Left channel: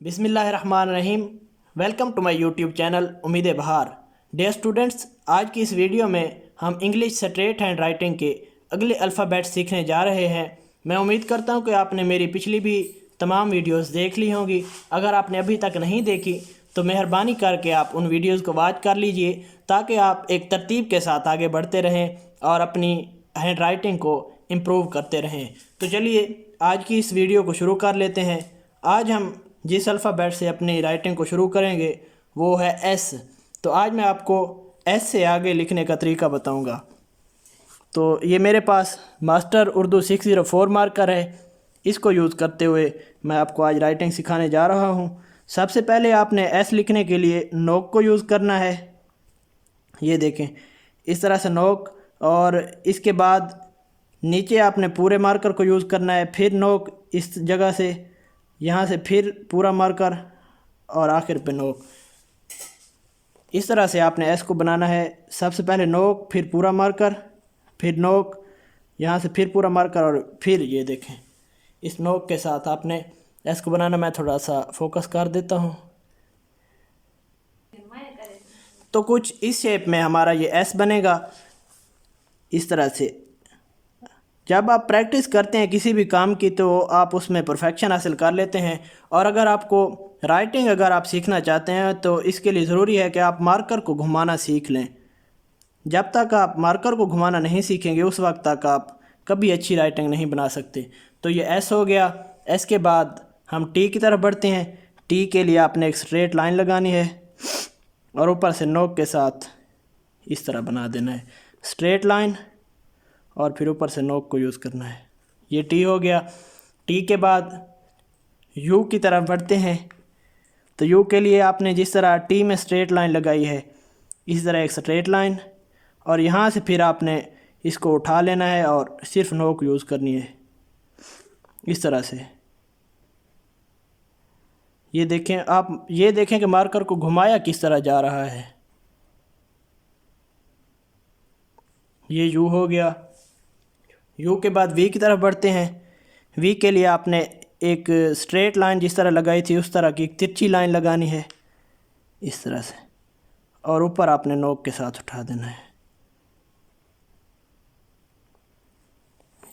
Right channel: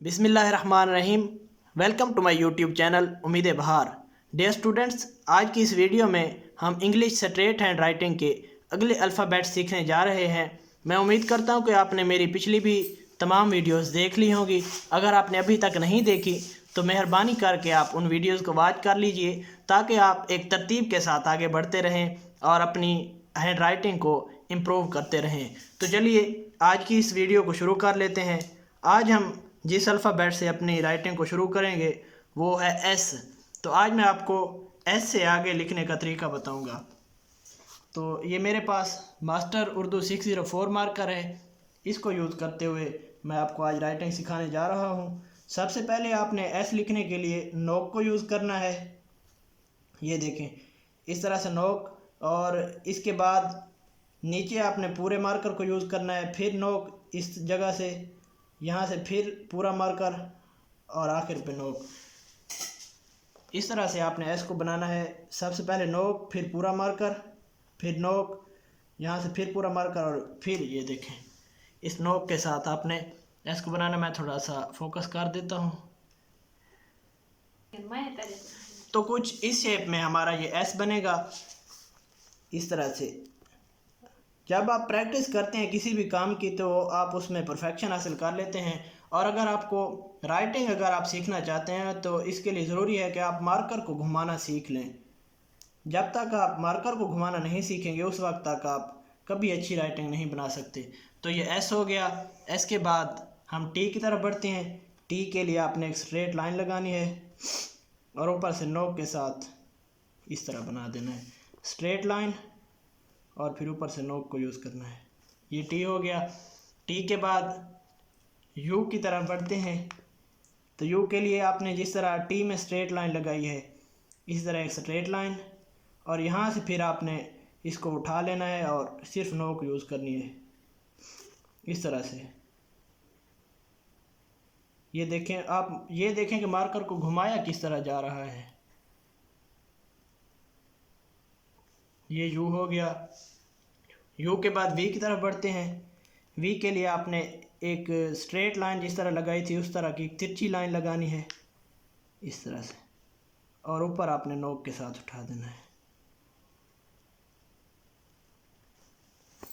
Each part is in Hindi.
बिस्मिल्लाहिर्रहमानिर्रहीम। Welcome to my YouTube channel उम्मीद बहार। डियर स्टूडेंट्स, आज की इस वीडियो में हम इंग्लिश स्ट्रेट हैंड राइटिंग के अगले अल्फ़ाबेट सीखने जा रहे हैं। मैं उम्मीद करता हूं कि आपने मेरी पिछली भी तमाम वीडियोस देख ली होंगी। अगर आपने अभी तक नहीं देखी तो मेहरबानी करके आप उन वीडियोस को वॉच कर लीजिए ताकि आप एक तरतीब के साथ आगे बढ़ते रहें और अपनी हैंड राइटिंग को इम्प्रूव करते रहें। तो चलिए आज की इस वीडियो को शुरू कर लेते हैं। आज हम जिस अल्फ़ाबेट से अपनी राइटिंग को शुरू करेंगे वो है एस। तो आज मैं आपको एस से आगे लिखने का तरीका बताऊंगा। तो ये मेरे पास मास्टर उर्दू 604 मार्कर है। इसको यूज़ करते हुए मैं आपको आज राइटिंग सिखाने जा रहा हूँ। सबसे पहले आपने एस लिखने के लिए नोक को यूज़ करना है। ये देखें, इस तरह से नोक, और इसके बाद नीचे आपने पूरे मार्कर को यूज़ करना है, फिर नोक इस जगह से, यहाँ से फिर पूरा मार्कर और आखिर पे नोक। इस तरह से आपने एस को बनाना है। सबसे पहले नोक, फिर पूरा मार्कर, फिर नोक, यहाँ से फिर पूरा मार्कर, और फिर ये देखें इस नोक के साथ आपने एस को बनाना। मैं थोड़ा सा फोकस कर देता हूँ। तो कुछ इस शेप में हमारा ये एस बनेगा। इस तरह से जब आप प्रैक्टिस करते हैं किसी भी काम की तो आप उसमें परफेक्शन हासिल कर लेते हैं। और अगर आपको राइटिंग अगर आप सीखना चाहते हैं तो इसके लिए ज़रूरी है कि आप मार्कर को घुमाना सीख लें। जब तक आप मार्कर को घुमाना नहीं सीखेंगे उस वक्त तक आप कभी अच्छी राइटिंग नहीं बना सकते। तो ये एस हो गया। एस के बाद हम टी की तरफ बढ़ते हैं। टी के लिए आपने एक स्ट्रेट लाइन लगानी है और ऊपर से नोक के साथ इस तरह बना देना है स्ट्रेट लाइन, और फिर ऊपर से नोक को यूज़ करना है। ये टी हो गया। टी के बाद यू की तरफ बढ़ते हैं। तो यू के लिए आपने जिस तरह टी में स्ट्रेट लाइन लगाई है इस तरह एक स्ट्रेट लाइन, और यहाँ से फिर आपने इसको उठा लेना है और सिर्फ नोक यूज़ करनी है इस तरह से। ये देखें, आप ये देखें कि मार्कर को घुमाया किस तरह जा रहा है। ये यू हो गया। यू के बाद वी की तरफ बढ़ते हैं। वी के लिए आपने एक स्ट्रेट लाइन जिस तरह लगाई थी उस तरह की एक तिरछी लाइन लगानी है इस तरह से, और ऊपर आपने नोक के साथ उठा देना है।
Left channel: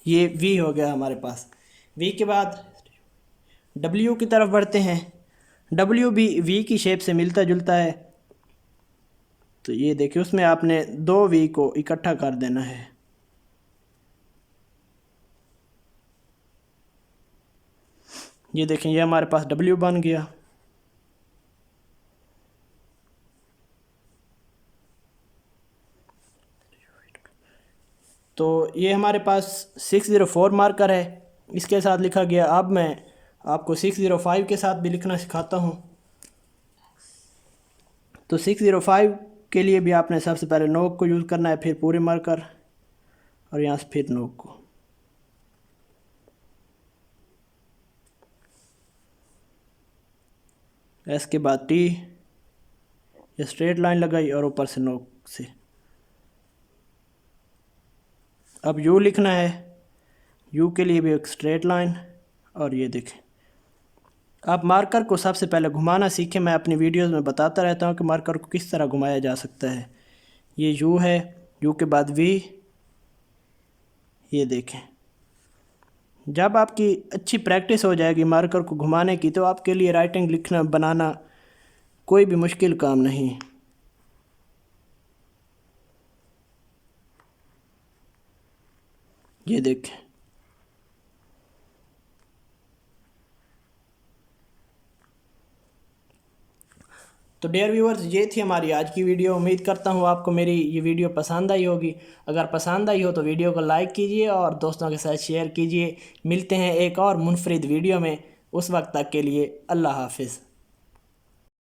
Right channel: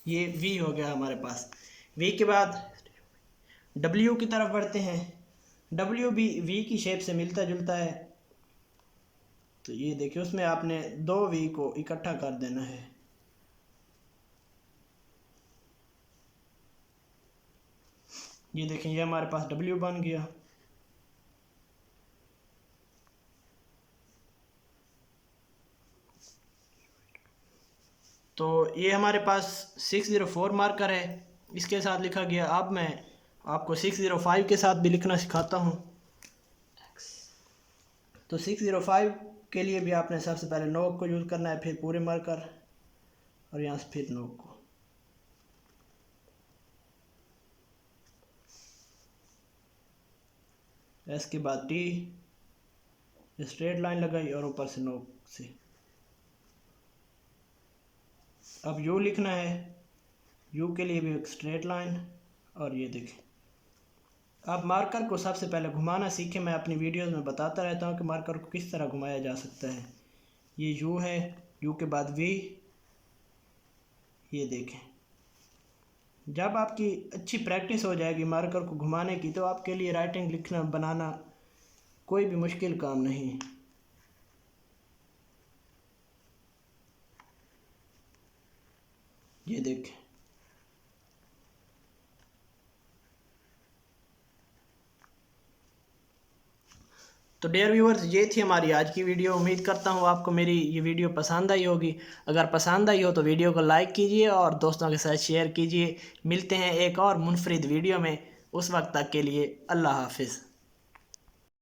ये वी हो गया हमारे पास। वी के बाद डब्ल्यू की तरफ बढ़ते हैं। डब्ल्यू भी वी की शेप से मिलता जुलता है। तो ये देखिए उसमें आपने दो वी को इकट्ठा कर देना है। ये देखें, ये हमारे पास डब्ल्यू बन गया। तो ये हमारे पास 604 मार्कर है, इसके साथ लिखा गया। अब मैं आपको 605 के साथ भी लिखना सिखाता हूँ। तो 605 के लिए भी आपने सबसे पहले नोक को यूज़ करना है, फिर पूरे मार्कर, और यहाँ से फिर नोक को। एस के बाद टी, स्ट्रेट लाइन लगाई और ऊपर से नोक से। अब यू लिखना है। यू के लिए भी एक स्ट्रेट लाइन, और ये देखें। आप मार्कर को सबसे पहले घुमाना सीखें। मैं अपनी वीडियोस में बताता रहता हूँ कि मार्कर को किस तरह घुमाया जा सकता है। ये यू है। यू के बाद वी। ये देखें, जब आपकी अच्छी प्रैक्टिस हो जाएगी मार्कर को घुमाने की तो आपके लिए राइटिंग लिखना बनाना कोई भी मुश्किल काम नहीं। ये देखें। तो डियर व्यूअर्स, ये थी हमारी आज की वीडियो। उम्मीद करता हूँ आपको मेरी ये वीडियो पसंद आई होगी। अगर पसंद आई हो तो वीडियो को लाइक कीजिए और दोस्तों के साथ शेयर कीजिए। मिलते हैं एक और मुनफरिद वीडियो में। उस वक्त तक के लिए अल्लाह हाफिज़।